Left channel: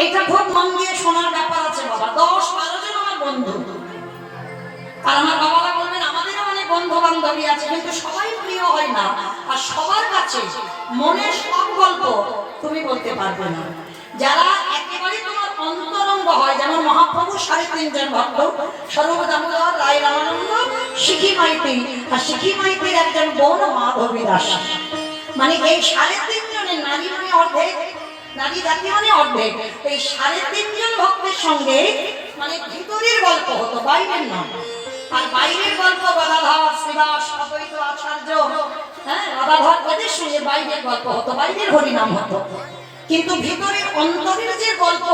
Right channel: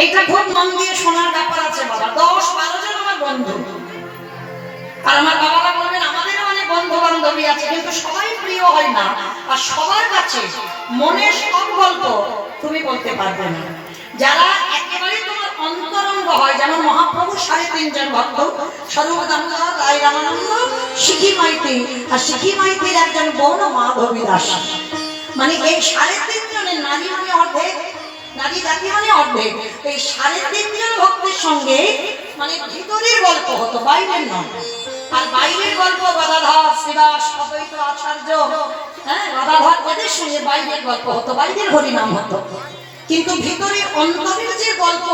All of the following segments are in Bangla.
এইটা খুব মন দিয়ে শোনার ব্যাপার আছে বাবা। 10-12 জন আমার বন্ধু, আর আমার বাবারা বলবেন আমাদেরও অনেক বন্ধু বান্ধবী আছে, কিন্তু সবাই প্রিয় হয় না। আর সবার কাছে মনের সব গল্প তুমি বলতে পারবে না। যারা একেবারে তোমার অন্তরঙ্গ হয়, যেমন মহাপ্রভু 3.5 জন ভক্ত, স্বরূপ দামোদর, রায় রামানন্দ, শিখি মাইতি, আর শিখি মাইতির একজন বোন মাধবী দাস। মানে এই 3.5 জনের নারী মানে অর্ধেক, নারী জাতি মানে অর্ধেক। এই 3.5 জন ভক্তের সঙ্গে মানে ভিতরের গল্প হতো, বাইরের নয়। আর বাইরের গল্প গদাধর, শ্রীবাস, অদ্বৈত আচার্য, হ্যাঁ গদাধর, এদের সঙ্গে বাইরের গল্প হতো, বাইরের হরিনাম হতো। কিন্তু ভিতরের অন্তরের যে গল্প,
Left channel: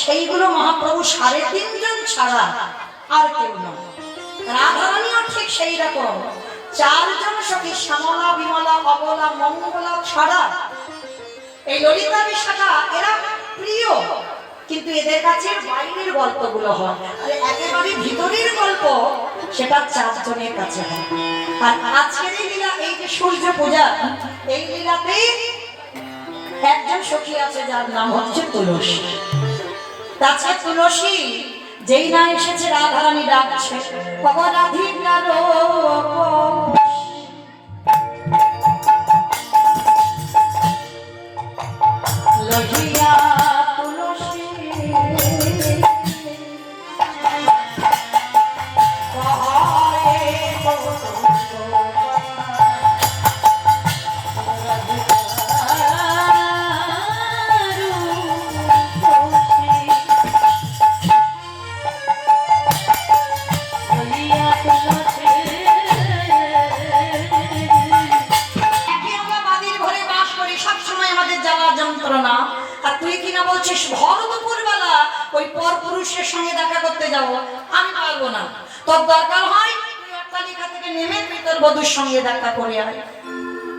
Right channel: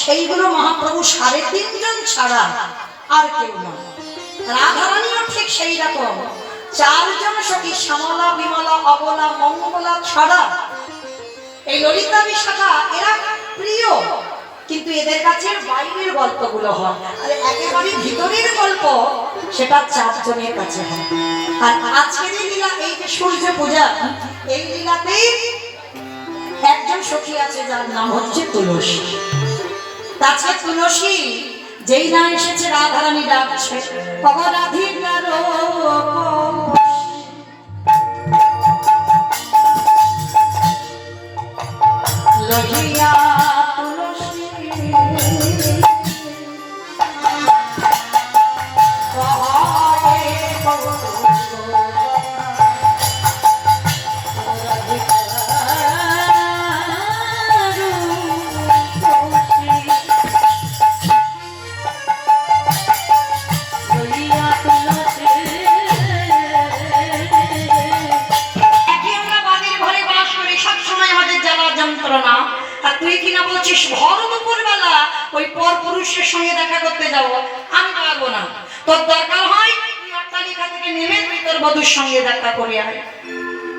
সেইগুলো মহাপ্রভু 3.5 জন ছাড়া আর কেউ নয়। রাধারানীও ঠিক সেই রকম 4 জন সখী, শ্যামলা, বিমলা, অবলা, মঙ্গলা ছাড়া এই ললিতা বিশাখা এরা প্রিয়, কিন্তু এদের কাছে বাইরের গল্পগুলো হয়। আর একেবারে ভিতরের গল্প সেটা 4 জনের কাছে হয়। আর আজকের এই লীলা, এই যে সূর্য পূজা, এই লীলাতে একজন সখী আছে যার নাম হচ্ছে তুলসী। তাছাড়া তুলসী যেই না এসেছে রাধারানী ডাকছে, অবরাধিকার লহিয়া তুলসী যন্ত্রণা। আর তুই কিনা বলছিস ভর দুপুরবেলা ওই পর পুরুষের সঙ্গে দেখা করতে যাবো, আমি পারবো না। তোর দরকার হয় তুই অট্টালিকা থেকে নেমে তুই তোর বধূর সঙ্গে দেখা করে আয়।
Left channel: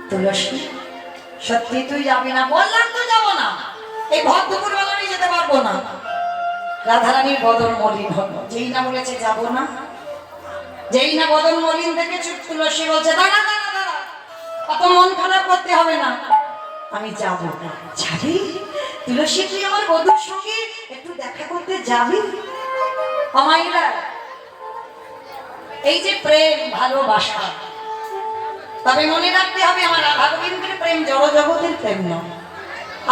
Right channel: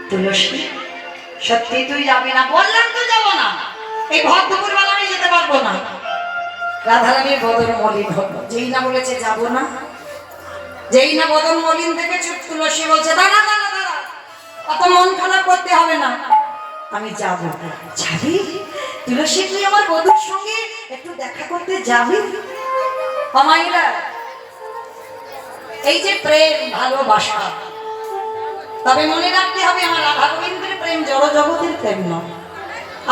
তুলসী সত্যি তুই যাবি না? বললাম তো যাবো না, এই ভর দুপুরবেলা আমি যেতে পারবো না। রাধারানীর বদন মলিন হলো, যেই না বলেছে যাবো না, যেই না বদন মলিন থেকে চুপ, তুলসী বলছে দাঁড়া দাঁড়া দাঁড়া, অত মন খারাপ করতে হবে না, আমি যাবো। যাবি তুলসী? তুই আমার বধূর সঙ্গে একটু দেখা করতে যাবি? অমাইরা, এই যে প্রেম ভালোবাসা, তবে মনে রাখতে হবে আমার রাধা গোবিন্দের প্রেম জড় জগতের প্রেম নয়।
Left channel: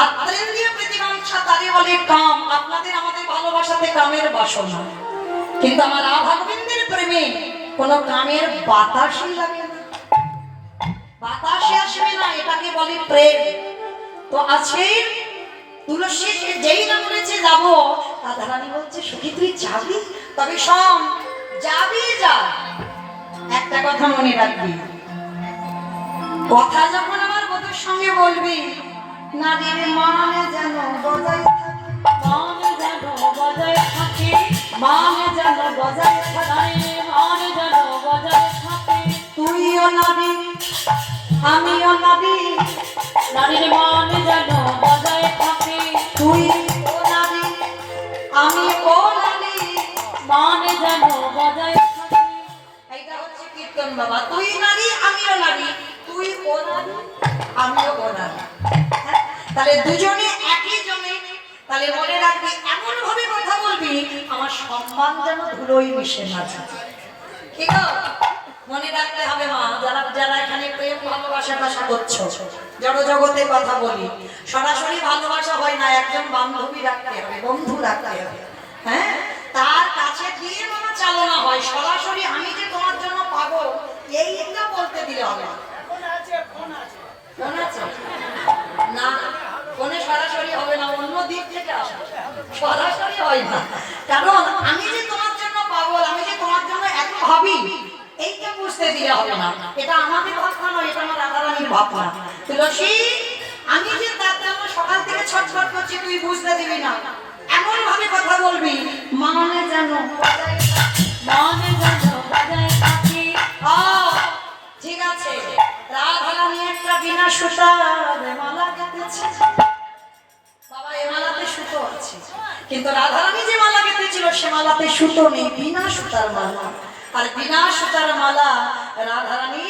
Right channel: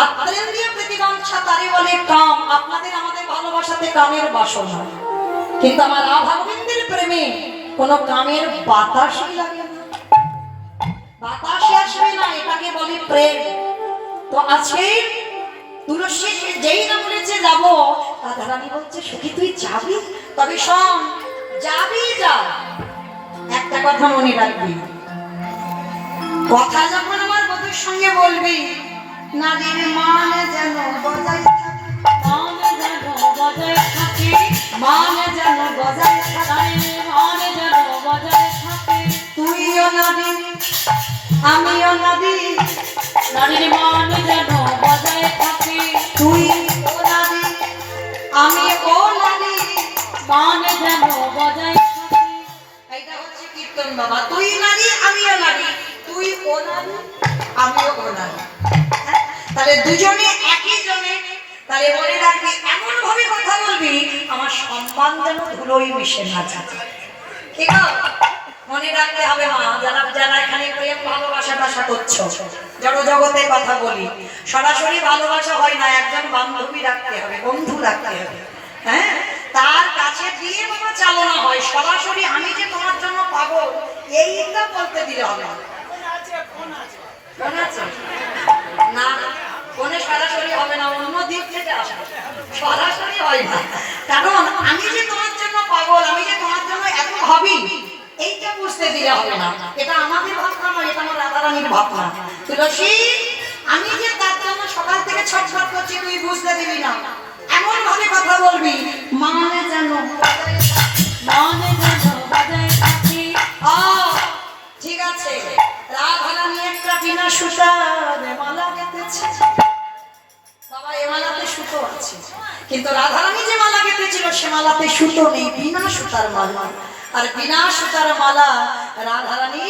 আত্মেন্দ্রিয় প্রতিবাঞ্ছা তারে বলে কাম। আপনাদের আমাদের ভালোবাসাতে কামের বাসনা, কিন্তু আমার রাধা গোবিন্দের প্রেমে কোনো কামের বাতাসই লাগে না, বাতাসে আসবে না, এটাকে বলে প্রেম। তো আজকে তুলসী যেই না বলেছে যাবো, রাধারানী বলছে সখী তুই যাবি? তবে শোন, যাবি যা, একটা কথা মনে রাখবি, কথা যখন আমার বধূর সঙ্গে বলবি, নারীর মান যেন বজায় থাকে, মান যেন বজায় থাকে, মান যেন বজায় থাকে, মান যেন বজায় থাকে। তুইও নারী আমিও নারী, নারীর মান যেন বজায় থাকে, তুই ও নারী আমি ও নারী, মান যেন বজায় থাকে। এইটা হচ্ছে কীর্তন বাবা। তুই নারী আমিও নারী, তুই ও নারী আমিও ও নারী। তাহলে দুজনে একই জনে। তাহলে মনে রাখবি, এমন ভাবে কথা বলবি আমার সম্মান যেন ধুলোই মিশে না যায়। ঠিক আছে? মনে রাখতে হবে মা, যারা যারা এখানে প্রেম ভালোবাসা ভাষা করছো, জড় জগতে কথা বলি, সরাসরি ভালোবাসা হয় না, একজন বান্ধবী রাখতে হবে, বন্ধু রাখতে হবে। হ্যাঁ, তার কাছে দিয়ে বাবা চালনা হয়। সরাসরি আমি যে তোমার জন্য পাগল এইটা বলতে দিলে হবে না। ফোন আছে না, ফোনে সরাসরি হবে না, অন্য দিক থেকে আসবে, সরাসরি হয় না। কারণ আমি যে তোমার জন্য পাগল, আমি যে তোমার জন্য এত ভাবি, এইটা বুঝতে দিলে হবে না। এটা আমাদের ভাবনা নয়, এটা আমার রাধারানীর ভাবনা। তুলসী, আমি যে তার জন্য সকাল থেকে ছটফট করছি তুই বুঝতে দিবি না, এমন ভাবে কথা বলবি মানে যেন মানে যেন বজায় থাকে। ঠিক আছে, রাধারানী একটা বিনা সুতার মালা গেঁথেছে বাবা, এ মালাতে সুতো আছে, কিন্তু রাধারানী যে মালা গেঁথেছিল সে মালাতে সুতো নেই, বিনা সুতার মালা। আর বিনা সুতার মালা রাধারানী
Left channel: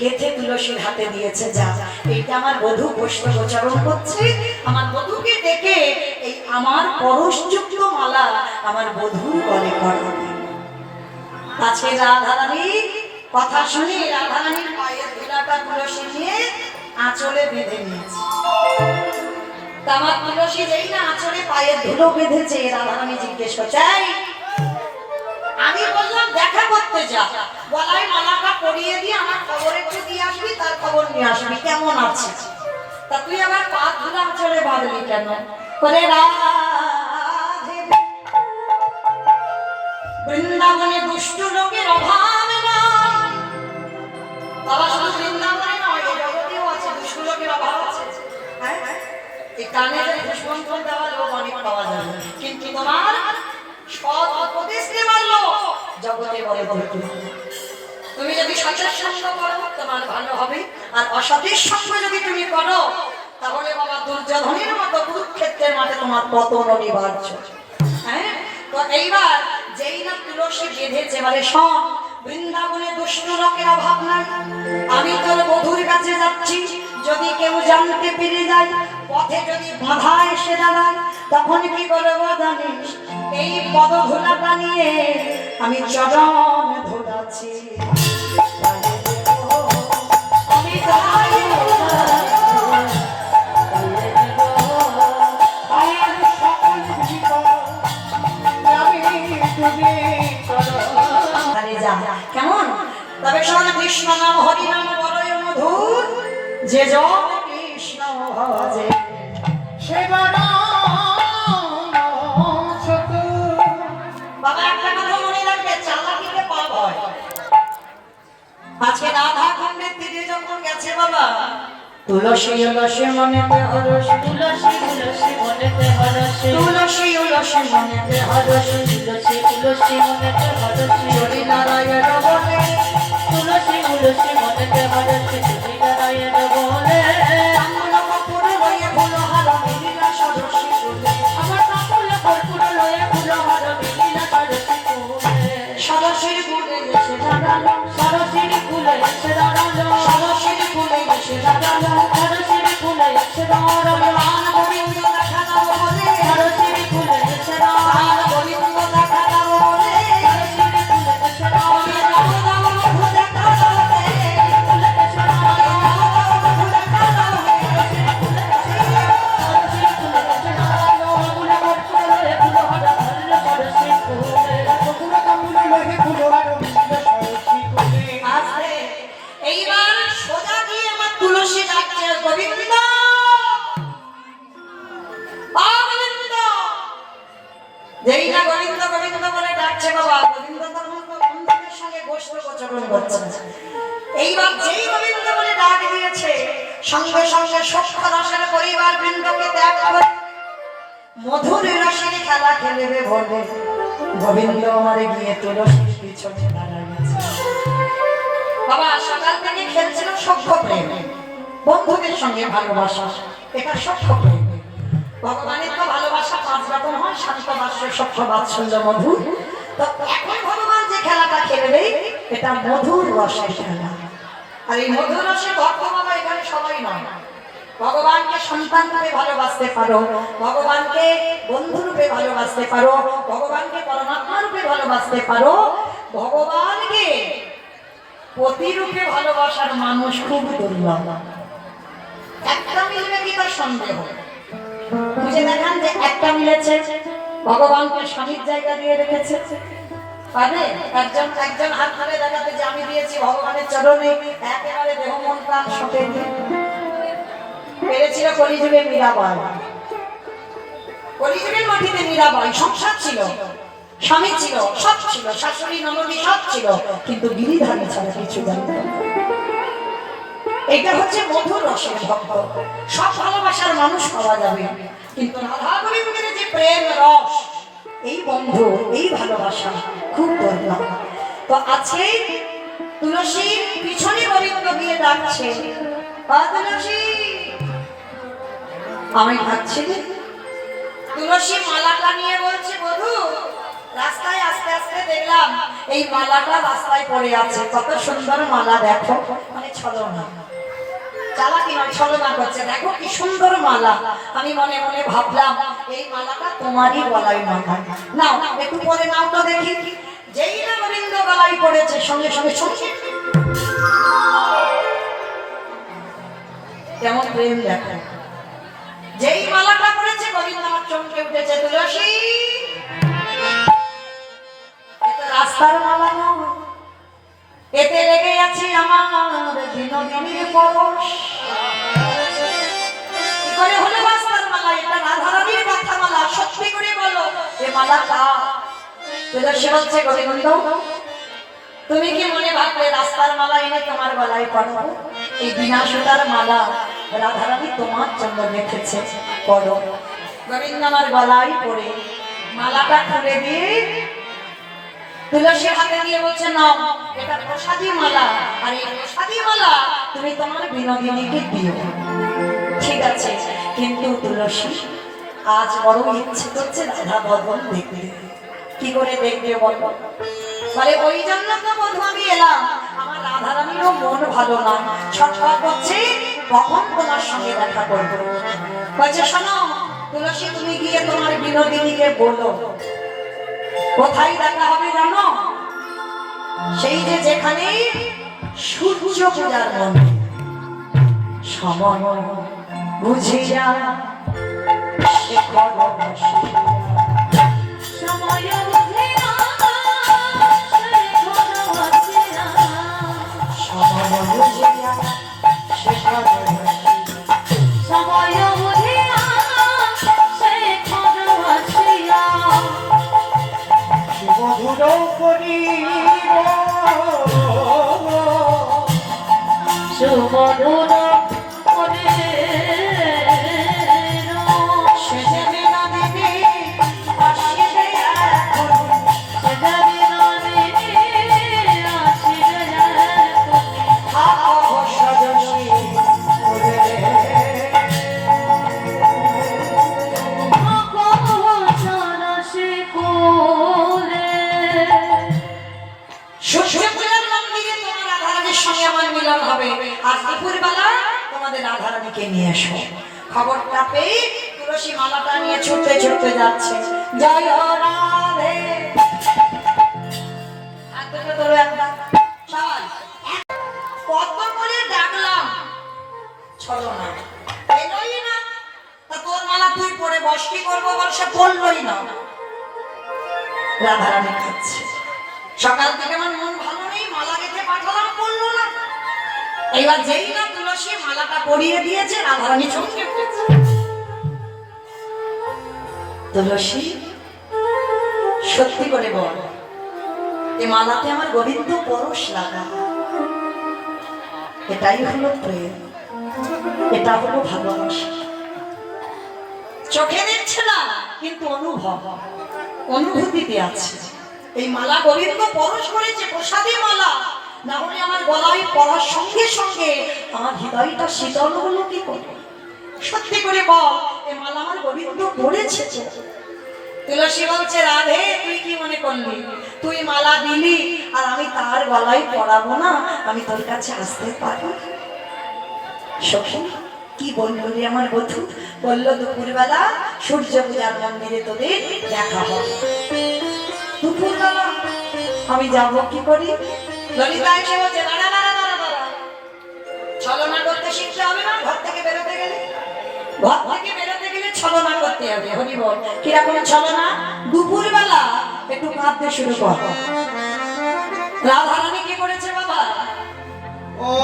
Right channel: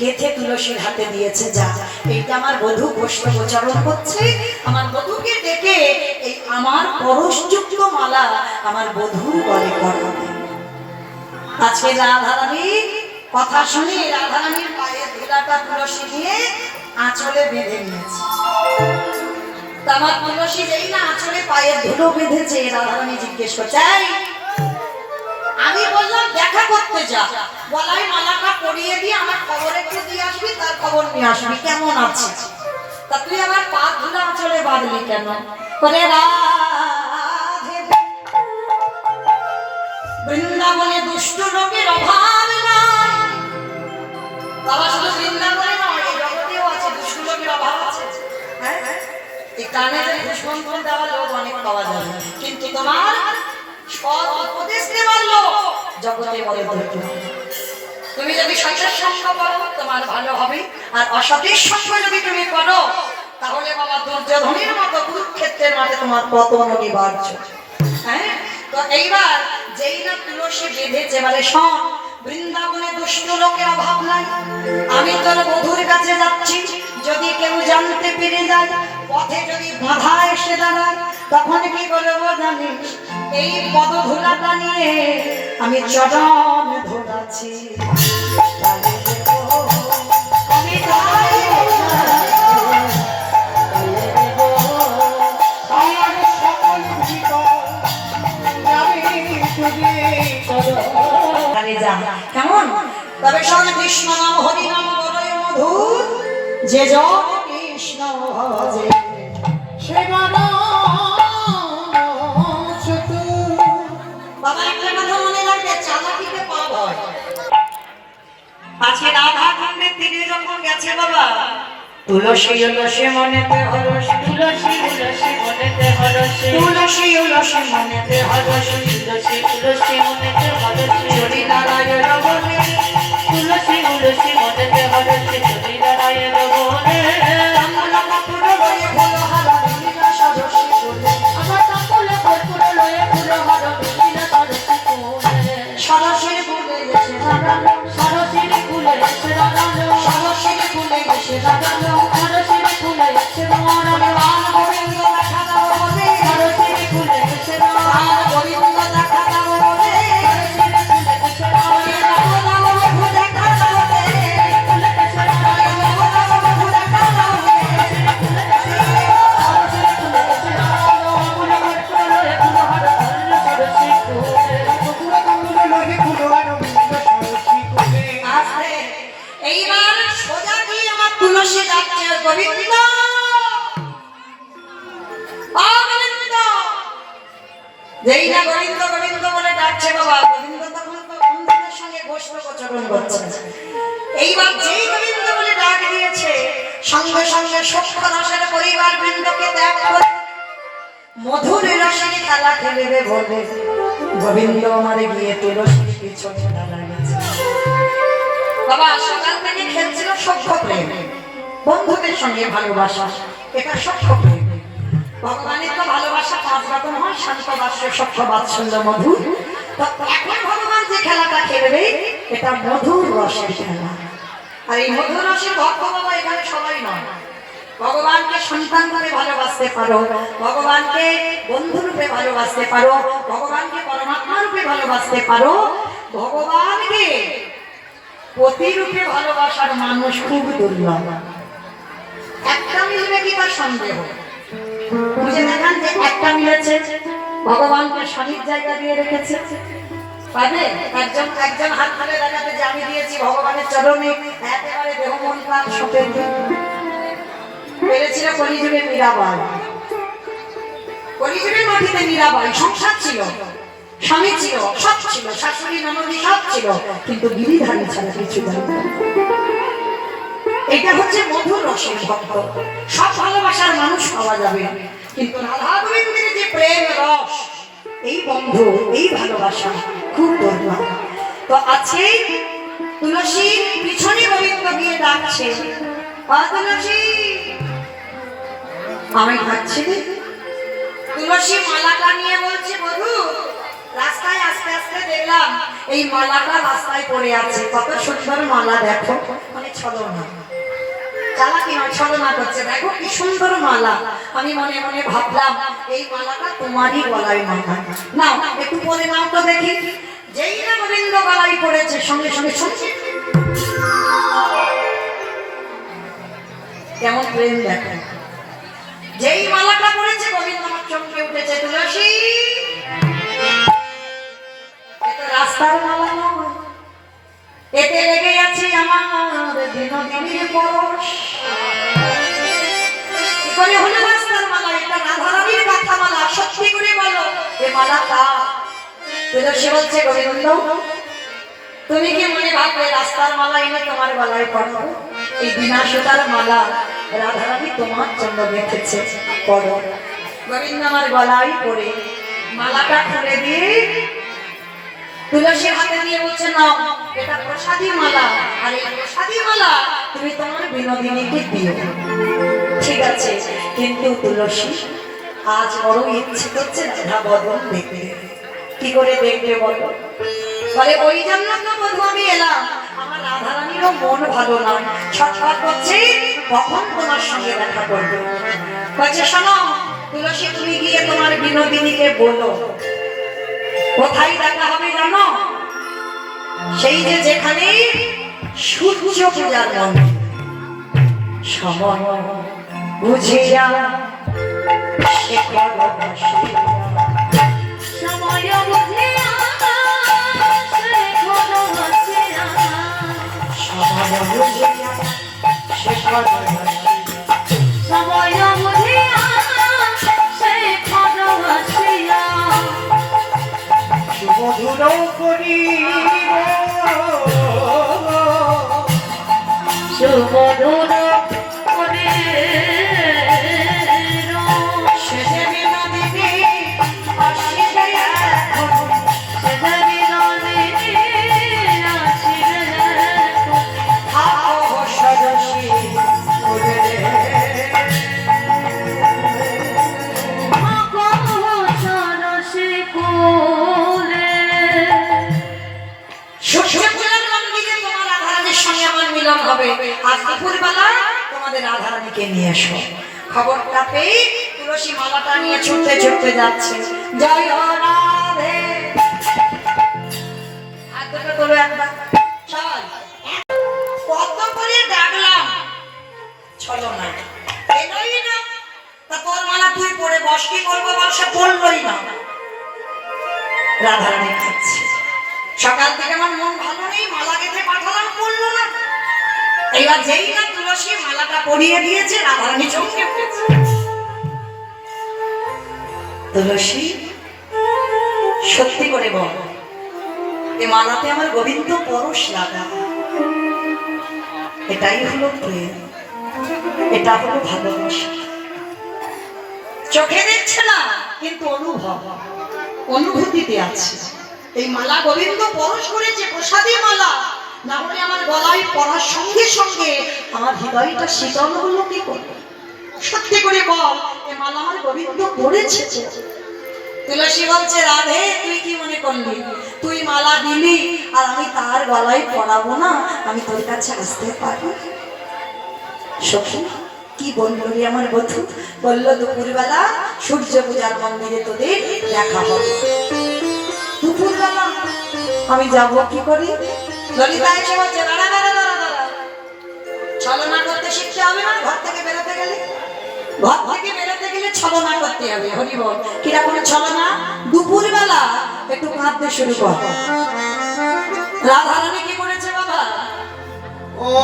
গেথে তুলসীর হাতে দিয়েছে। যা, এইটা আমার বধূ গোষ্ঠোচ্চারণ করছে, আমার বধূকে ডেকে এই আমার পরশযুক্ত মালা আমার বধূর গলে পরাবে। আজকে রাধারানী কথা শুনে রাধারানীর পায়ের ধুলাটা তুলসী নিয়ে আঁচলে বেঁধে নিয়েছে। আমার তুলসী যেই না আঁচলে পায়ের ধুলো বেঁধেছে, রাধারানী জিজ্ঞেস করছে, আমি বললাম দেখা করতে যা, গলায় মালাটা পরিয়ে দিয়ে আমার খবর একটু দিয়ে আসবি, তার খবর নিয়ে আসবি কেমন আছে। তা তুই আমার পা ধুলা আঁচলে বাঁধলি কেন? করে রাধে বৃন্দাবনে দুষ্ট লোকের অভাব নাই। বাবা শুধু বৃন্দাবনে নয়, এই জগতেও আছে দুষ্ট লোকের অভাব আছে। হ্যাঁ, এই কানে যে দুষ্মন্ত্রণ দেওয়া লোক অনেক পাওয়া যাবে, কিন্তু তোমার সৎ উপদেশ দেওয়ার লোক জগতে বড় ধৈর্য। তুমি যদি সতের সঙ্গ করো তোমার ভালো হবে, আর অসতের সঙ্গ যদি তুমি করো তাহলে বাবা দুর্যোধনের মতো কুরুক্ষেত্রের মাঠে তোমার পতন অনিবার্য। হ্যাঁ, তো এইবার যেই না তুলসী বেঁধেছে, মানে শোন, বৃন্দাবনে দুষ্ট লোকের অভাব নাই। আমি তোর বধূর কাছে যাচ্ছি, যদি কেউ জানতে পেরে যায়, পথে যদি বাধা এসে দাঁড়ায়, তখন কি করবো জানিস? এই পদধূলাটা নিয়ে আমি চরণ ধরাচ্ছি। কেমন? তবে শোন, কৃষ্ণ নাম হরি নাম বড়ই মধুর, যে জন কৃষ্ণ ভজে সে বড় চতুর। বাবা একটা কথা মনে রাখবে, চালাকিতে পাপ হয়। আজকে রাধা খণ্ডের তীরে যখন গেছে বাবা, তুলসী উলসী মনেতে হরস, তুলসী উলসী মনেতে হরস, তুলসী উলসী মনেতে হরস, তুলসী উলসী মনেতে হরস, হরি নারায়ণ বলে, তুলসী উলসী মনেতে হরস, হরি নারায়ণ বলে। আমার কাপড় লয়ে ফুল হার লীলা সরসী ফুলে, আমার কাপড় কর্পূর লয়ে ফুল হার লীলা সরসী ফুলে, সরসীর ফুলে এসে দাঁড়ালো, সরসীর ফুলে এসে দাঁড়ালো, সরসীর ফুলে এসে দাঁড়ালো, সরসীর ফুলে এসে দাঁড়ালো, আন গোবিন্দ দেখা দাও বলে, সরসীর ফুলে এসে দাঁড়ালো, আন গোবিন্দ দেখা দাও বলে, সরসীর ফুলে এসে দাঁড়ালো, প্রভু দেখা দাও বলে, ফুলে এসে দাঁড়ালো, প্রভু দেখা দাও বলে, ফুলে এসে দাঁড়ালো, সরসীর ফুলে এসে দাঁড়ালো, ফুল কর্পূর লয়ে ফুল হার ধরল সরসী ফুলে, ফুল কর্পূর লয়ে ফুল হার ধরল সরসী ফুলে। আস্তে এইবার সোজা গিয়ে আমার তুলসী ডাকছে, গোবিন্দ গোবিন্দ। যেই না গোবিন্দ গোবিন্দ বলে ডাকছে বাবা, গোবিন্দ তখন অন্ধকারের সঙ্গে গোষ্ঠোচ্চারণ করছে। এইবার যেই গোবিন্দ বলে ডাক দিয়েছে, সঙ্গে সঙ্গে সূক্ষ্ম রসের পরিবার বৃন্দকে ত্যাগ করে মধুর রসের খেলা খেলবে বলে গোবিন্দ আমারে গিয়ে তুলসীর পিছনে দাঁড়ায় গেছে। বাবা সকাল থেকে খেলছিল সভ্য প্রেম, বন্ধুদের সঙ্গে ভালোবাসা, এটা সভ্য প্রেম। ভগবানের তো ভালোবাসা পাঁচ রকম হয়, শান্ত বাস্য, সভ্য, বাৎসল্য, মধুর। তো এখন ভগবান যে খেলাটা খেলবে এটা মধুর রসের খেলা। আর এই মধুর রসের ভক্ত বাবা এখানে সবাই নয়। ভগবানকে সন্তান রূপে ভালোবাসতে পারো, ভগবানকে বন্ধু রূপে ভালোবাসতে পারো, ভগবানকে পরমাত্মা রূপে ভালোবাসতে পারো, ভগবানকে প্রতিরূপে ভালোবাসার মানুষ খুব দুর্লভ। একটা মিলবে কি তার সন্দেহ? বুঝে দেখান যে একটা মিলেছে, ভগবানকে স্বামীর জায়গা দিয়ে রেখেছে, পাবে? একজন হাত তুলে দেখাতে যে আমি দিয়েছি ভগবানের চরণে একেবারে দেহ মন প্রাণ সপে দিয়ে। পেরেছিল কলিযুগে মীরাবাই, কলিযুগের মাটিতে মীরাবাই, সংসার ছিল, স্বামী ছিল, সব ছিল, শাশুড়ি ননদি সব ছিল, কিন্তু গিরিধারী ছাড়া কিছু জানত না। এটা হচ্ছে মধুর রসের ভক্ত। সব ভালোবাসার মানুষ পাওয়া যাবে, কিন্তু রাধা গোবিন্দের যে প্রেম রস, এই বন্ধু, এই ভালোবাসা খুব দুর্লভ। তো আছে তুলসী পিছনে গোবিন্দ গিয়ে ডাকছে, তুলসী আমি খাচ্ছি। তুলসী মালাটা নিয়ে বলছে, বধূ রাস্তায় আস্তে আস্তে দেখলাম এই মালাটা রাস্তায় পড়ে আছে। কত সুন্দর মালা দেখো, মানে ছলনা, চালাকি নয়, ছলনা করছে। দেখো কি সুন্দর মালা। আমি মনে মনে ভাবলাম এই মালাটা তোমারই গলায় মাথায় নাও, একটু পরে নাও তো দেখি। যেই না গোবিন্দ গলায় পড়েছে, সঙ্গে সঙ্গে শুনছি কেমন প্রেম দেখো। যেই মালাটা পড়েছে গোবিন্দ আমার চমকে উঠেছে। তুলসী, এটা রাস্তার মালা নয়, এতে লেগে আছে আমার বিনোদিনীর পরশ। কি করে হলো রাস্তার মালা? এটা রাধারানীর কথা মালা। সত্যি করে বলো এ মালা কার? তুলসী বলছে গোবিন্দ, তুমি কি মনে ভাববে রাস্তার মালা এনে তোমার গলায় পড়ো? এই বিনা সুতার মালা রাধারানী তোমার জন্য রেখেছে, পড়ো। গোবিন্দ আমার গলায় পড়ে মালাটা খুলে দিয়ে তুলসীর হাতে দিয়ে বলছে, নাও, এটা প্রসাদী মালা, আর এই প্রসাদী মালা তুমি তোমার বিনোদিনীকে দিও। ঠিক আছে, কিন্তু তুলসী আজ বড় ইচ্ছে করছে রাধা বদন দেখতে। কি করে দেখবে বলো? বলে ওই জন্য তো বধূ আমি এলাম, আমার রাধারানীরও মন ভালো নয়, ছটফট করছে কখন তোমার সঙ্গে দেখা করবে। বলছে, শোনো তুলসী, তুমি গিয়ে তোমার বিনোদিনীকে বলো কোথায় দেখা হবে জানো? সেই যে যেখানে সূর্য পূজার মন্দির, সময় বুঝিয়া সে করো বসিয়া, সময় বুঝিয়া সে করো বসিয়া, সময় বুঝিয়া সে করো বসিয়া, সময় বুঝিয়া সে করো বসিয়া, শুভধুর করিব, শুভধুর রাধারানীকে নিয়ে এসো। খবরটা পেয়ে তুলসী মালাটা নিয়ে ছুটতে ছুটতে যাচ্ছে। জয় রাধে, কত করে ডাকলাম, চলো না, এলোই না। তা তোর মালা তুই পরে বস, কি করবো বল? সে পড়লই না। রাধারানী খাচ্ছে। সকাল থেকে আমার মন ভালো নেই, মালা গেঁথে পাঠালাম, পড়লো না। এইবার যেই না তুলসী মালাটা পরিয়ে দিয়েছে, রাধারানী চমকে উঠেছে। তুলসী, সত্যি করে বল, এ মালাতে আমার গোবিন্দ পরশ লাগা। এটাই হলো প্রেম, এটা হলো ভালোবাসা। চোখে দেখছে না, কিন্তু অনুভূতিতে আছে। এই মালা গোবিন্দ পরশ করেছে, প্রসাদী মালা। না হলে আমার গলায় পড়ার সঙ্গে সঙ্গে আমার হৃদয়টা শীতল হলো কি করে? সত্যি করে বল, এ মালা আমার গোবিন্দ পড়েছে। তুলসী বলছে, রাধে তুই কি মনে করলি তুই মালা দিলি আর আমি তার গলায় পড়াবো না? আমি তোর কাছে আসতে পারি? সখী কি বললো রে আমার বধূ? বললো, দুপুরবেলা সূর্য পূজার মন্দিরে তোদের দেখা হবে। দুপুরবেলা আমি যাব কি করি? ললিতা এসে বলছে, দাঁড়া দাঁড়া দাঁড়া দাঁড়া, ছলনা করতে শিখতে হবে না? ঘর থেকে বেরোতে গেলে ছলনা করতে হবে। হরি বল, কিরকম ছলনা? দুপুরবেলা একটু কাঁদতে শুরু কর। রাধারানী কি করেছে বাবা?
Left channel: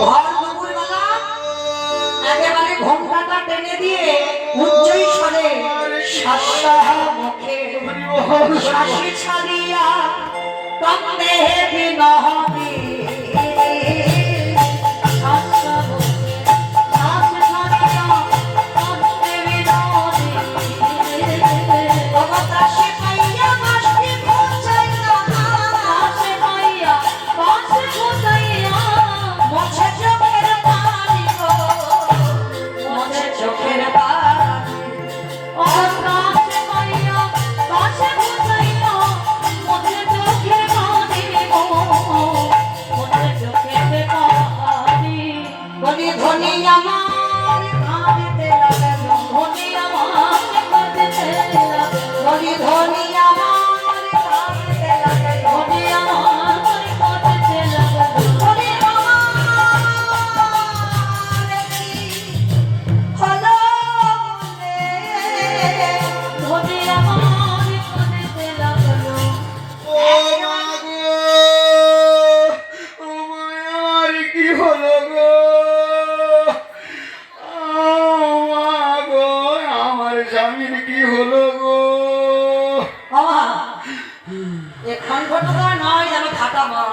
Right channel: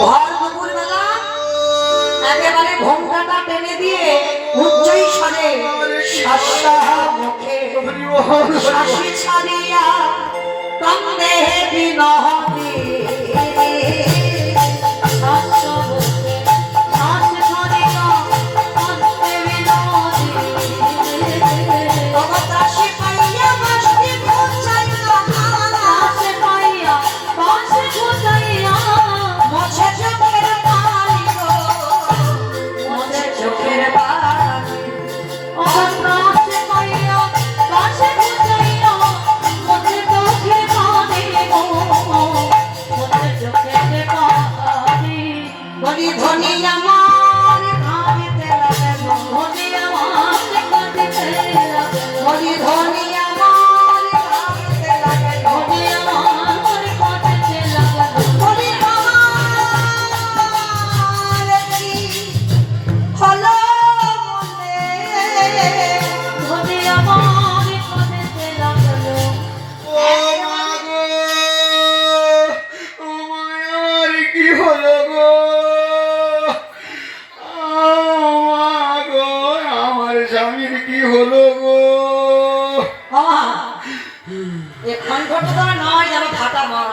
ভর দুপুরবেলা একেবারে ঘোমটাটা টেনে দিয়ে উচ্চই স্বরে মুখে শাসি ছাড়িয়া কান্দে বিনহী। আমার স্বামীর কি হলো গো? এখন ঘটনা নয় যেন ফাটা মার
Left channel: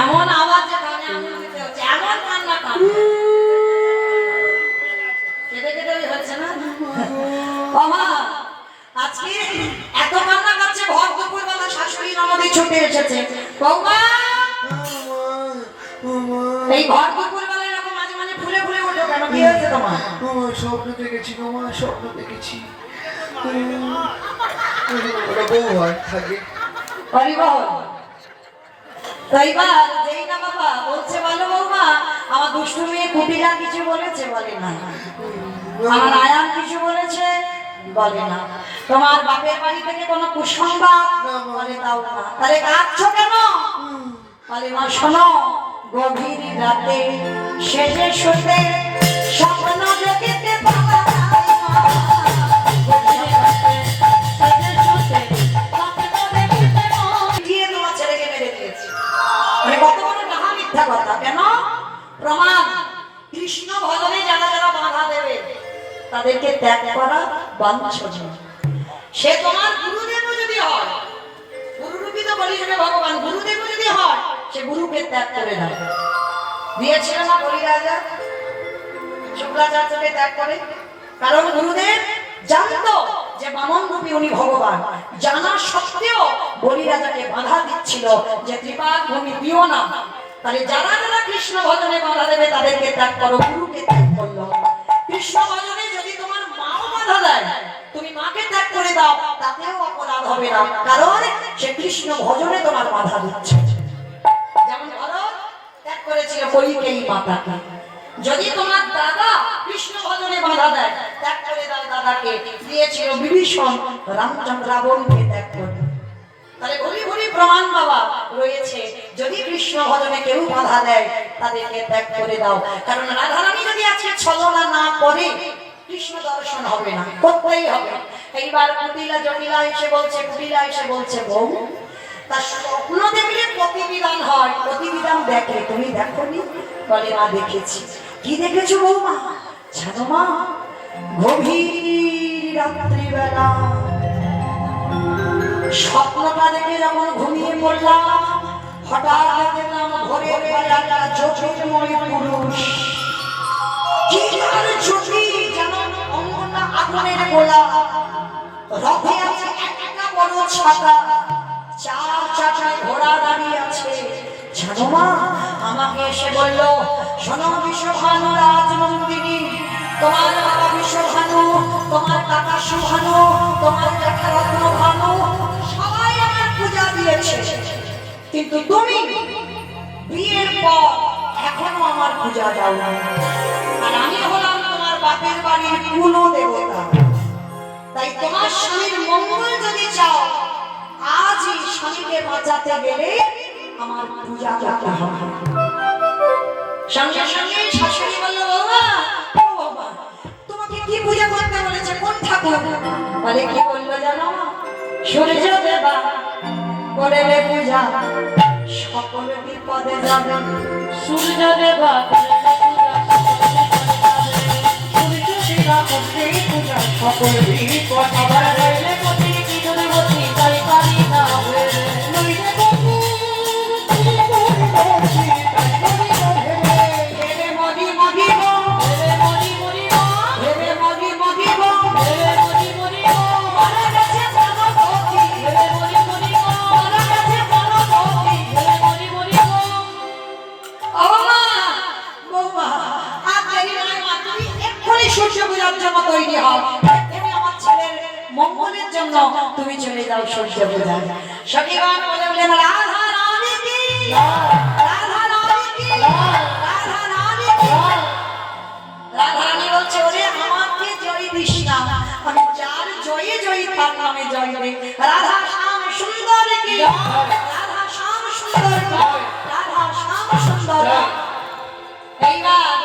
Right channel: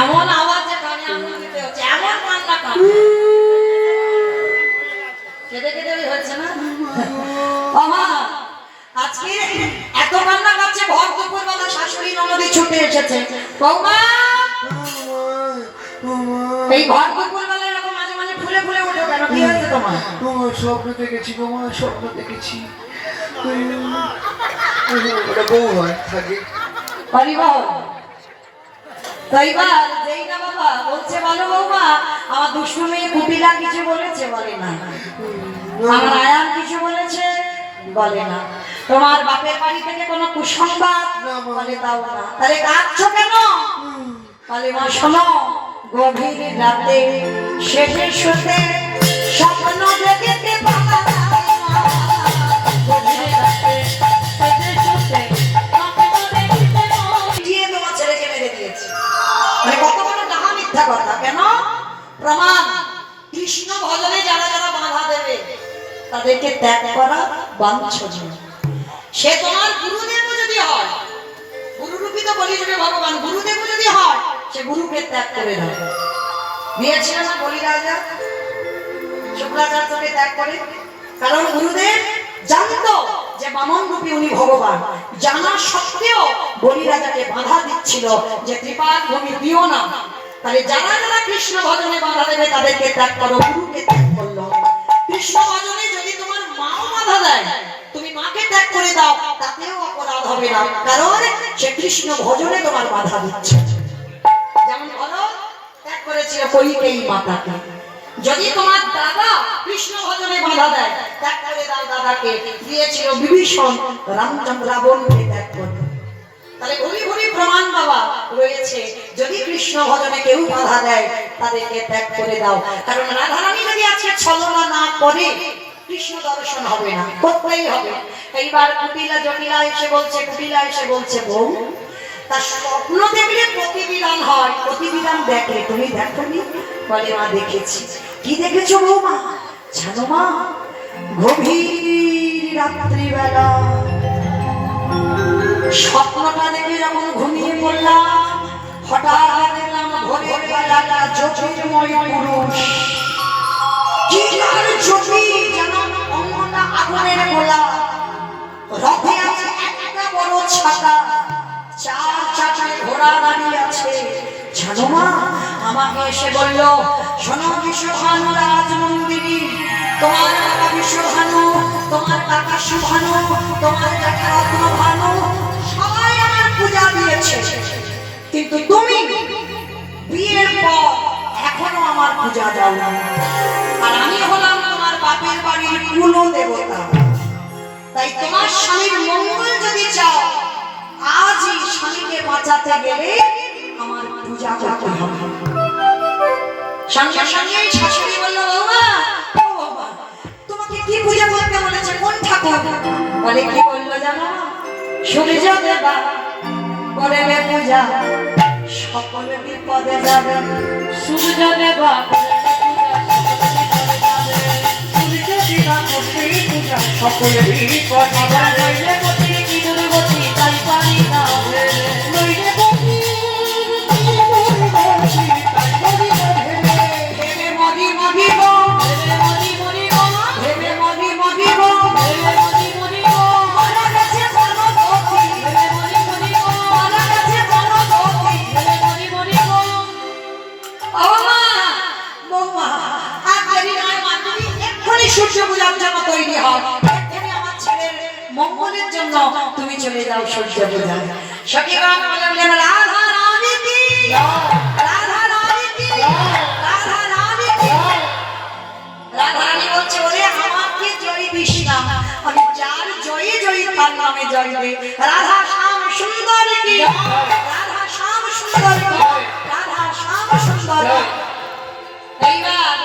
এমন আওয়াজ যে কানে আঙুল দিতে হচ্ছে, এমন কান্না কেঁদে কেঁদে হচ্ছে না বাবা। আজকে এত কান্না করছে, ভর দুপুর বেলা শাশুড়ি ননদে ছুটে এসেছে। বৌমা এই ভর দুপুর বেলা এরকম মাঝে মাঝে ফুলে ফুলে ওঠো কেন? কি হয়েছে তোমার? স্বপ্ন দেখেছি বৌমা, স্বপ্ন দেখেছি। ওটা বউ হয় থাকে। তাইবার যেই না বাবা বলছে বলো বৌমা, আমার দুষ্টু মেয়ে কুটিলা কিছু বলেছে? বলে না। আমার আয়ান কিছু বলেছে? বলে না। তোমার বাপের বাড়ি থেকে কোনো কুসংবাদ? বলে দাও না। তাহলে কাঁদছো কেন? বলে মা শোনো, গভীর রাতে শেষে শুতে স্বপ্ন দেখতে পাওয়া যায় না। গভীর রাতে শেষে শুতে স্বপ্ন দেখতে দিয়ে তোমার ছেলেকে মেরে দিয়েছে। মানে কত বড় ডাহা মিথ্যা কথা! কেন? প্রমাণ। কৃষ্ণ ভজনে যারা যারা বাধা দেবে তাদেরকে ত্যাগ করা বাঞ্ছনীয়। সে তোমার গুরুদেবও যদি হয়, গুরুরূপী তো বলি যাবে ভগবান, গুরুদেবও যদি হয়, সে গুরুকে ত্যাগ করে দেয়। দিয়েছিল না বলি রাজা শুক্রাচার্যকে ত্যাগ করে? কারণ গুরুদেব জানতো যে বামন রূপী উনি ভগবান। জানা সত্ত্বেও বলি রাজাকে বাধা দিচ্ছিল যে ত্রিপাদ ভূমি দিও না। তাহলে যারা যারা কৃষ্ণ ভজনে বাধা দেবে তাদেরকে ত্যাগ করো, গুরুকে ত্যাগ করলো। কৃষ্ণ ভজনে যদি তোমার মাও বাধা দেয়, তুমি মাকে ত্যাগ করে দাও, তাতেও অপরাধ হবে না, কারণ সে কৃষ্ণ ভজনে তোমার বাধা দিচ্ছে। যেমন ভরত ত্যাগ করেছিল কইকেয়ী মাতাকে। যদি তোমার দাদা কৃষ্ণ ভজনে বাধা দেয়, ত্যাগ করে দাও দাদাকে। দিয়েছিল বিভীষণ রামচন্দ্র রাবণকে ত্যাগ করবে। তাহলে ঘুরি ঘুরি প্রমাণ বাবা রয়েছে, যদি কৃষ্ণ ভজনে কেউ বাধা দেয় তাদেরকে ত্যাগ করে দাও। কারণ রাধারানী যদি আজকে ছলনা না করে, কৃষ্ণ দর্শন হবে না, করতেই হবে। এইবার কুটিলা জটিলা এসে বলছে, কুটিলা এসে বলছে বউ, তার স্বপ্ন দেখলে প্রতিবিধান হয়। প্রতিবিধান দেখে, তুমি দেখোনি? বলে মা দেখেছি। কি দেখেছো বৌমা? জানো মা, গভীর রাত্রিবেলা স্বপ্নটা দেখে যখন ঘুমিয়ে পড়লাম, হঠাৎ দেখলাম ভোরের বেলাটা জ্যোতির্ময় পুরুষ। কি তার জ্যোতি, যেন অঙ্গটা আগুনের গোলা। রথে আছে একটা বড় ছাতা, চার চাকায় ঘোড়া দাঁড়িয়ে আছে। জানো মা, আমাকে এসে বলল, শোনো বিশ্বভানু রাজনন্দিনী, তোমার বাবা বিশ্বভানু, তোমার কাকা সুভানু, তোমার কাকা রত্নভানু সবাই আমার পূজা দিয়েছে, কিন্তু তুমি বিয়ের পর এখনো আমার পূজা দাও না। আর আমি হলাম তোমার বাপের বাড়ির কুল দেবতা। তাই তোমার স্বামীর মঙ্গল যদি চাও, আজই স্বামীকে বাঁচাতে গেলে আমার পূজা করতে হবে। সঙ্গে সঙ্গে শাশুড়ি বলল, বাবা তোমাকে কি পূজা করতে বলেছে? কোন ঠাকুর? বলে কি বললো জানো? সূর্য দেবা করলে পূজা সকল বিপদে যাবে। সূর্য দেবা সকল বিপদে যাবে। সূর্য পূজার জন্য তৈরি হয়, আমার ছেলের মঙ্গলের জন্য তুমি চলে যাও সূর্য পূজায়। সখীগণ বললেন, রাধা রানী কি, রাধা রানী কি, রাধা রানী কি। রাধা রানী বলছে, ওরে আমাকে জয় দিস না, আমি যার জয়ী জয়ী তার নামে জয় দে। রাধা শ্যাম সুন্দর কি, রাধা শ্যাম সুন্দর কি, রাধা শ্যাম সুন্দর। এইবার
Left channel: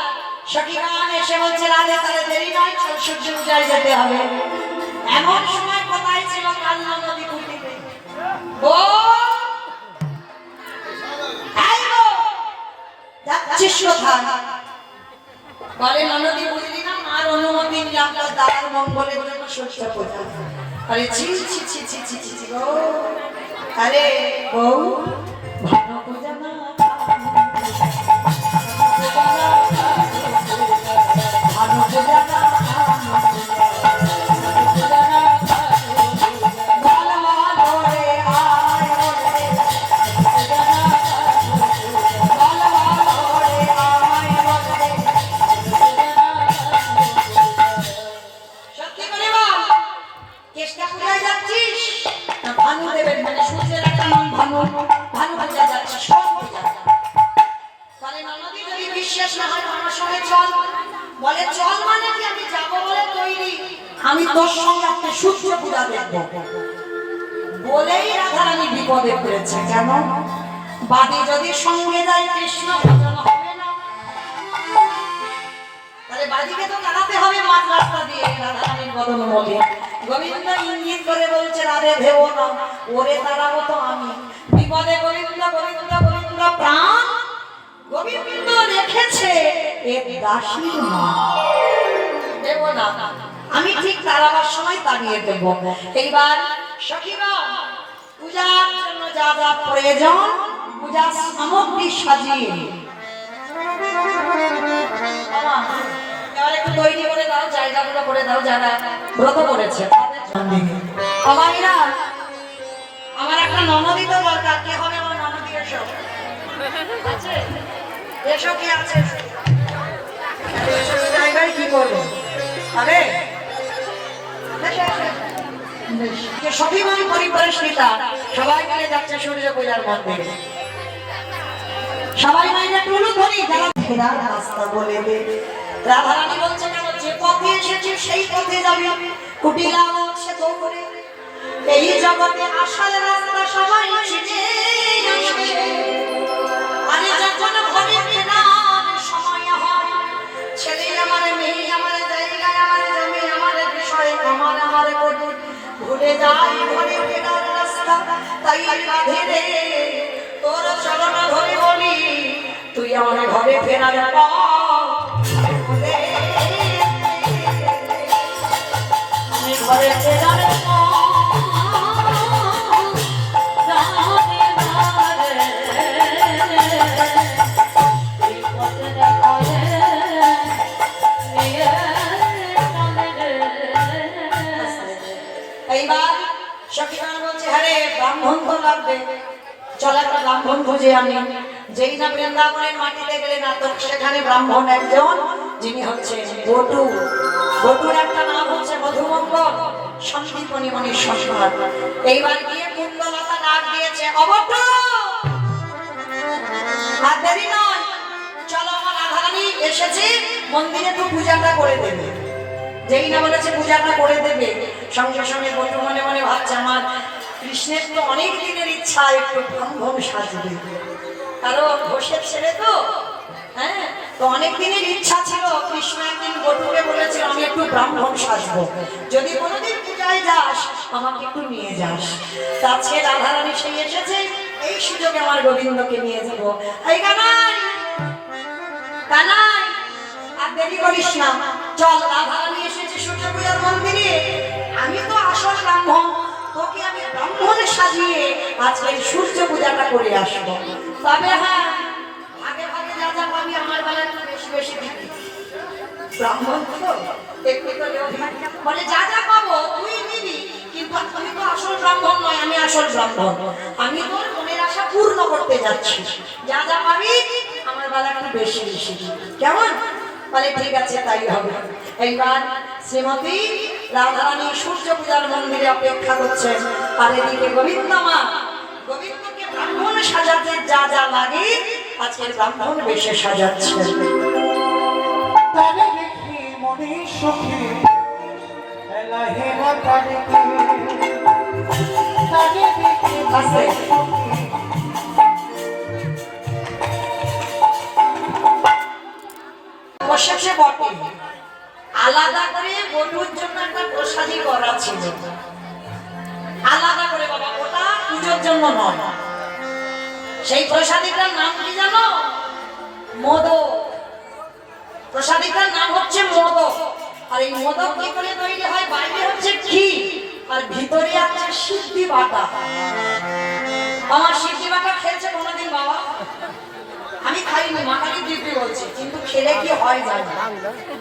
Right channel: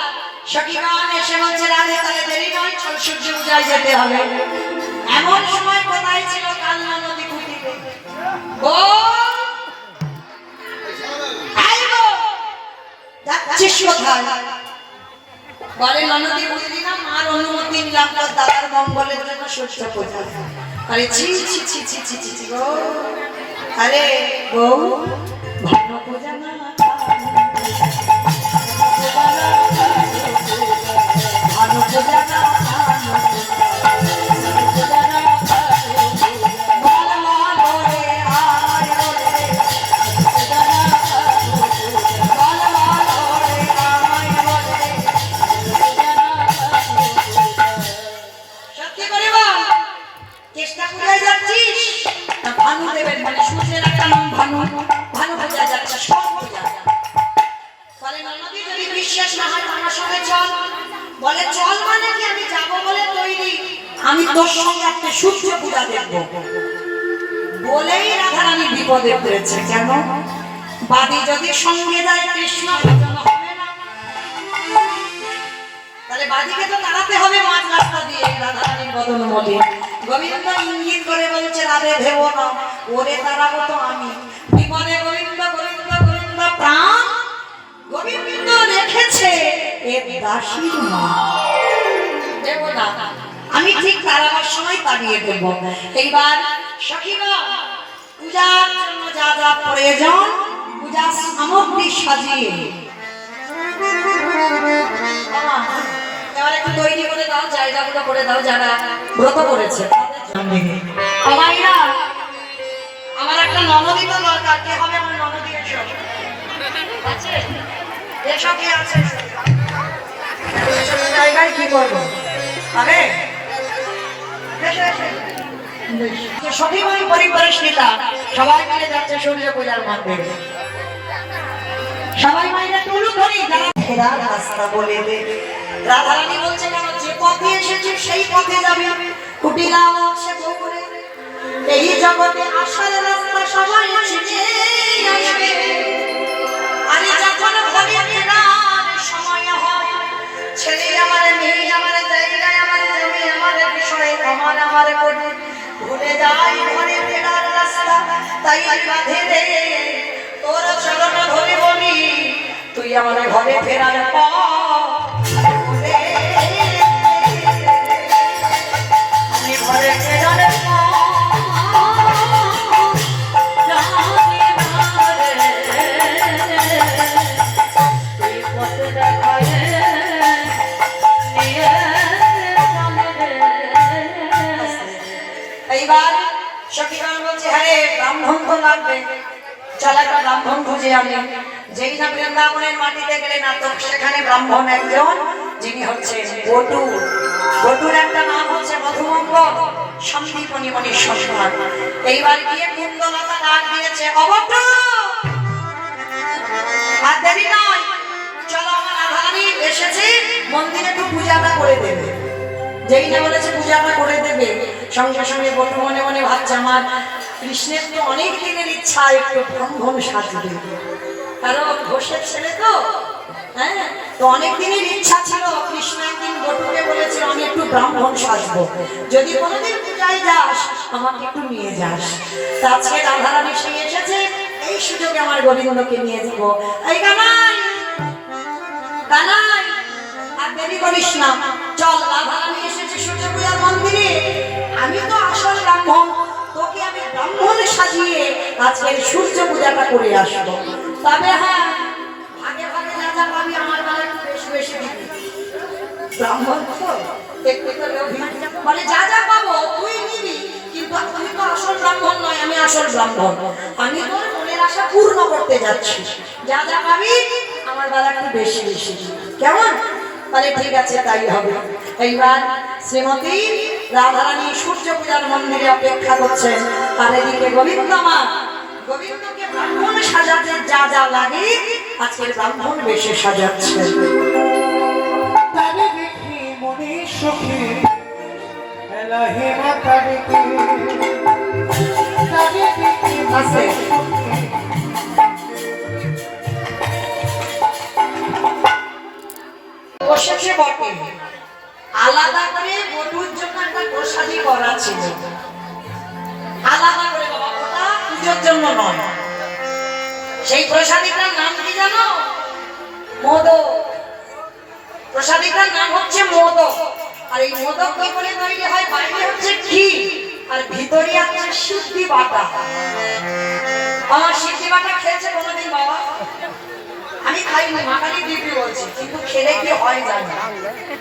সখীগণ এসে বলছে, রাধে তাহলে দেরি নয়, চল সূর্য পূজায় যেতে হবে। এমন সময় কোথায় ছিল কালনা নদী কুটিতে। যাচ্ছিস কোথায়? বলে ননদি বুঝলি না, মার অনুমতি নিলাম তার দাদার মঙ্গলের জন্য সূর্য পূজা। আরে ছি ছি ছি ছি ছি ছি ছি গো, আরে বউ ভালো পূজা না, ভালো পূজা না, চেষ্টা করে যাচ্ছিস না ভানু দেবের মানে সূর্যের একটা নাম ভানু, ভানু পূজা যাচ্ছে সব পূজা। বলে ননদি যদি বিশ্বাস না হয় আমার সঙ্গে চল। বলে চল মানে কি, আমি যাব বলে তৈরি, আমি তোর সঙ্গে একটা সূর্য পূজা দেখবো। বলেই রাধারানী বিপদে পড়েছে। কেন? বাদী যদি সঙ্গে যায় কৃষ্ণ ভজন হবে না, তাহলে বাদীকে তো তাড়াতে হবে মাঝ রাস্তা দিয়ে রাধারানীর বদন মলে। গোবিন্দ ইঙ্গিত করে বলছে রাধে ভেবো না, ওরে তারাবো তো আমি। বিপদে গোবিন্দ গোবিন্দ গোবিন্দ প্রাণ গোবিন্দ রেখেছে এর দাসীর মা। দেবো না, আমি ঠিক তারাবার সময় তাড়িয়ে দেব। এইবার সখীগণ পূজার জন্য যা যা প্রয়োজন পূজার সামগ্রী সাজিয়ে এবার একটু তৈরি করে দাও, জায়গাগুলো করে দাও যারা ব্রত করেছে। আমার একটা ননদি তো দরকার। কে হবে আমার ননদি? এসব কি আছে জায়গায় কি করবো? আরে সখীগণ পরিবারের নেতা সবাই মিলে যাচ্ছে সূর্য পূজার মন্দিরে। সবাই মাইনে টুলু ধরি যারা ফেরার রাস্তা বলে দে। রাধারানী বলছে কেন, যে পথে এসেছি সেই পথে যাবে। কুটিলাম সে বউ করে এই জগতে আসার রাস্তা সবাই শিখে আসবে। আরে যখন ঘরে ফেরার সময় হয়, ছেলে আমার মেয়ে আমার জায়গায় আমার জমি আমার বিষয় আমার আমার করে ভুলে যায় ঘরে ফেরার রাস্তা। তাই রাধে রে তোর চরণ ধরে বলি, তুই আমার ঘরে ফেরার আমি ঘরে ফেরার এইবার সখীগণ বলছে হ্যাঁ ব্রাহ্মণ তো লাগবে, চল একটা ব্রাহ্মণ খুঁজে আনি। যেই না বৃন্দাবনের মাটিতে গেলে না তো সেখানে ব্রাহ্মণ একজন, যিনি হচ্ছে বটু। বটুর একটা নাম হচ্ছে মধুমঙ্গল, সন্দীপনী মণির সন্তান। এইবার গিয়ে কুণ্ডলতা ডাক দিয়েছে, অবটু আর দেরি নয়, চলো আমার রাধারানী এসেছে, মন্দিরে একটু পূজাটা করে দেবে। যেই না বলেছে পূজাটা করে দেবে, সঙ্গে সঙ্গে বটু মনে মনে ভাবছে আমার কৃষ্ণের তো অনেক দিনের ইচ্ছা একটু ব্রাহ্মণ সাজবে। কারণ ঘোষের ছেলে তো, হ্যাঁ, তো অনেক দিনের ইচ্ছা ছিল। কৃষ্ণ একদিন বটুকে বলেছে আমি একটু ব্রাহ্মণ সাজবো, যদি কোনোদিন পূজায় যাস আমাকে একটু নিয়ে যাস। তা আজকে রাধারানী সেই এসেছে, এই সুযোগে আমার গোবিন্দকে নিয়ে যাব। এই কানাই কানাই আর দেরি করিস না, চল রাধারানী এসেছে সূর্য পূজার মন্দিরে। আমি তো আসল ব্রাহ্মণ, তোকে আমি ব্রাহ্মণ সাজিয়ে আজকে সূর্য পূজাটা করে আসবো। তবে হ্যাঁ, ভাগে ভাগে যা যা পাবি আমার বেলা একটু বেশি বেশি দিবি। ব্রাহ্মণ তো একটু তো লোভী, বলে যা যা পাবো তুই নিবি, কিন্তু আমি তো আসল ব্রাহ্মণ নয়, আমি আসল ব্রাহ্মণ। আমি তোর মনের আশা পূর্ণ করতে যাচ্ছি, যা যা পাবি আমার বেলা একটু বেশি বেশি দিবি, কেমন? বলে ঠিক আছে তাই হবে। এইবার শ্রীমতী রাধারানী সূর্য পূজার মন্দিরে অপেক্ষা করছেন, আর এদিকে গোবিন্দ মা গোবিন্দকে ব্রাহ্মণ সাজাতে যা যা লাগে আজকের ব্রাহ্মণ বেশে সাজাচ্ছে। তারে দেখি মনে সুখে এলাহি মাতারে তারে দেখি মনে সুখে বসেছে বটে, আলাদা করে বটুর জন্য একটা প্রসাদী করা ছিল, আলাদা করে বাবা, ওটা পুজোর জন্য নয়। সেই প্রসাদীটার নাম কি জানো? মোদক। প্রসাদিকার নাম হচ্ছে মোদক। আর এই মোদক কি করে তৈরি হয়? বাইরে হচ্ছে ঘি আর ভিতরে আছে সিদ্ধি বাটা। আমার সিদ্ধি বাটা খেয়েছে কোনোদিন বাবা? আমি খাইনি, মাখালি দিব্যি বলছি, কিন্তু খেলে কি হয় জানি না।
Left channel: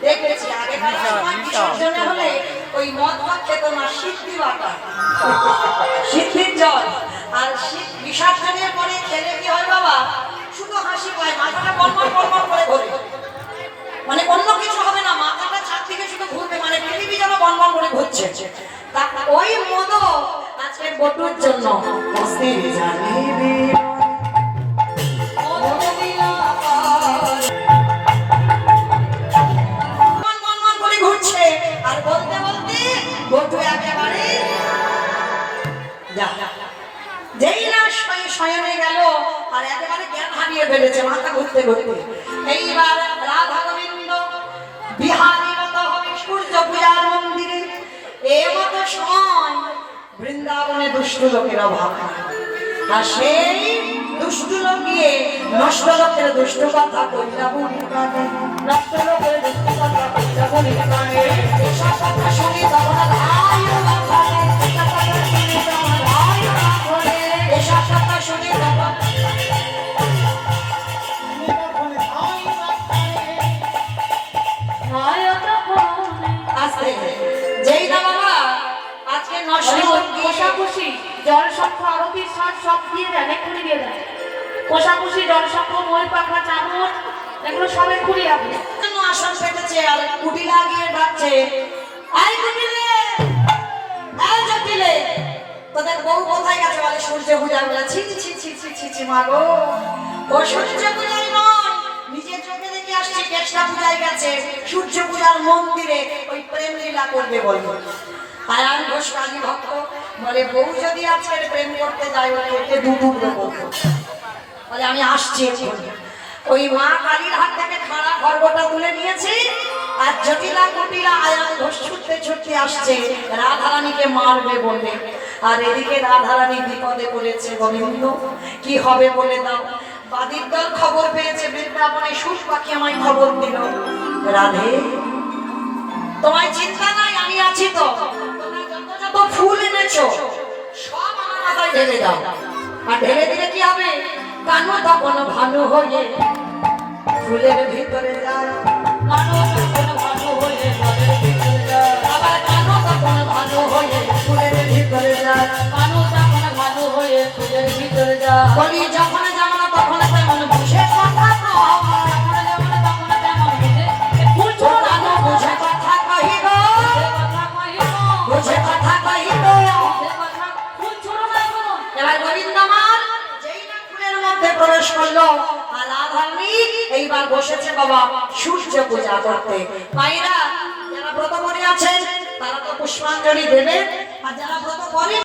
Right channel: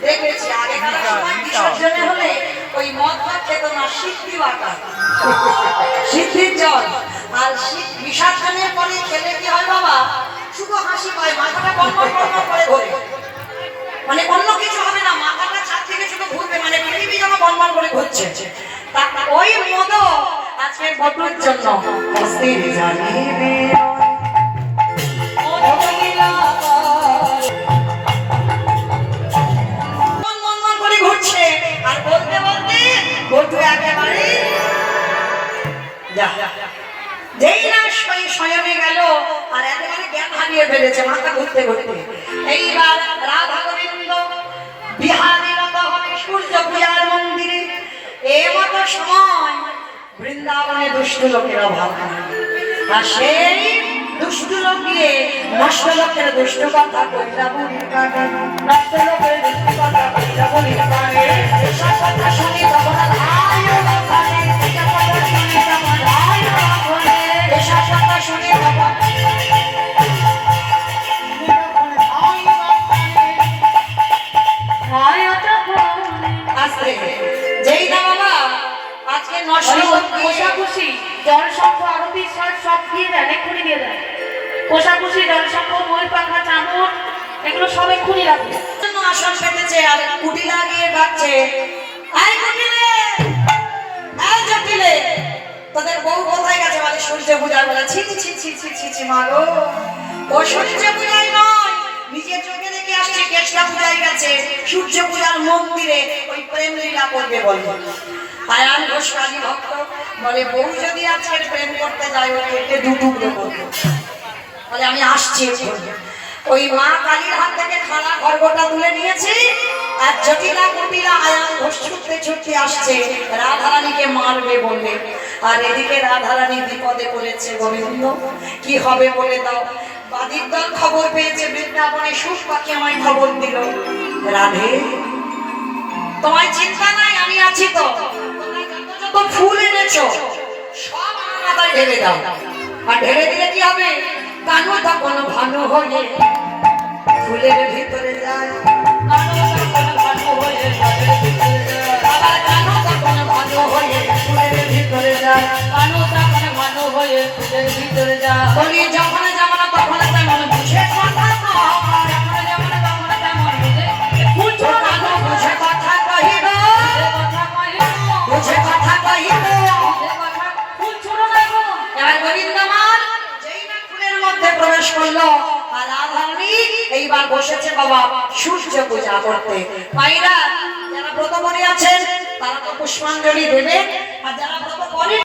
দেখেছি আগেকার সময় বিসর্জনে হলে ওই মদ ভাত খেত না, সিদ্ধি বাটা, সিদ্ধির জল। আর বিসর্জনের পরে খেলে কি হয় বাবা? শুধু হাসি পায়, মাথাটা বনবন বনবন করে ঘোরে। মানে অন্য কিছু হবে না, মাথাটা ছাদ থেকে শুধু ঘুরবে, মানে পৃথিবী যেন বনবন করে ঘুরছে। ওই মোদক আজকের বটুর জন্য অস্থির জানিবে ঘুরছে। আর বলতে বলতে বটু একেবারে যেই না শয়নে গেল আর একেবারে জ্ঞান হারিয়ে ফেলেছে, মাথা ঘুরতে ঘুরতে। এইবার রাধা গোবিন্দ বিহারীরত হবে সূর্য পূজার মন্দিরে। এমতো সময় বৃন্দাবনে দুষ্ট লোকেরা ভাব করে, আর সেই দুষ্ট লোক গিয়ে নষ্ট লোকের দুষ্ট কথা কইলা বুড়ির কানে, নষ্ট লোকের দুষ্ট কথা কইলা বুড়ির কানে। এসব কথা শুনি তখন ধাই মাথায়, এসব কথা শুনি তখন ধাই মাথায়, এসব কথা শুনি তখন আস্তে। যেই না বাবা আজকে নষ্ট কোষাকুষি জলসংঘ আরতির সার সব দিয়ে দেন, এক্ষুনি দিয়ে দেন। কোষাকুষি জলসংঘ মই পাখা চামচ এগুলো সব এক্ষুনি রাখবে। জন্য আসন পেতেছে আর কুটি লাগিয়ে ডাকছে, আই কুটিলে, আই জটিলে, তোদের বউ কোথায় গেছে? বলে সূর্য পূজা। বলে ছি ছি ছি ছি ছি ছি মা গো, ও সূর্য পূজায় নয়, নিজের চোখে দেখে আসছে কেষ্টা পূজায় গেছে, সূর্য পূজার মন্দিরে ওই প্রেম লীলা করবে বলবো। আয়ান ঘোষ কাজী ভক্ত বলে বউ যদি আজকের প্রেম করতে যায় ও কেটে দুটুকরো করবো। বলে আমি আসছি। ওই মা কালীর হাত থেকে খাড়া খড়গটা তুলে নিয়েছে আর জটিলা কুটিলা আয়ান ঘোষ ছুটতে ছুটতে আসছে রাধারানীকে মারবে বলে। আর এদিকে রাধারানী বিপদে পড়েছে, গোবিন্দ কি হবে বলে দাও। বাদির দল খবর পেয়েছে বৃন্দাবনে, সুখ পাখি আমায় খবর দিল, রাধে তোমায় চিন্তা নাই, আমি আছি তো। তোমরা যত যত ফুল এনেছো সব আমার মাথায় ঢেলে দাও। আর ঢেলে দিলে কি হবে? কানু তখন ভানু হয়ে ফুলের ভিতরে যায়, কানু তখন ভানু হয়ে ফুলের ভিতরে যায়, আবার কানু তখন ভানু হয়ে ফুলের ভিতরে যায়, কানু তখন ভানু হয়ে ফুলের ভিতরে যায়। বলি যখন যেমন তখন তেমন বুঝে কথা কয়, যখন যেমন তখন তেমন বুঝে ফুল ছোট কানু বুঝে কথা কহিব, বুঝে কথা কহিব, ফুল ছোট না গো। এবার গোবিন্দমান যেই না ফুলের মধ্যে প্রবেশ করলো আর রাধারানী এইবার বসেছে বাবা সূর্য পূজা করতে। মায়েরা যারা ব্রত করে আছেন তারা তো পুষ্পাঞ্জলি দেবে, আর যারা ব্রত করেন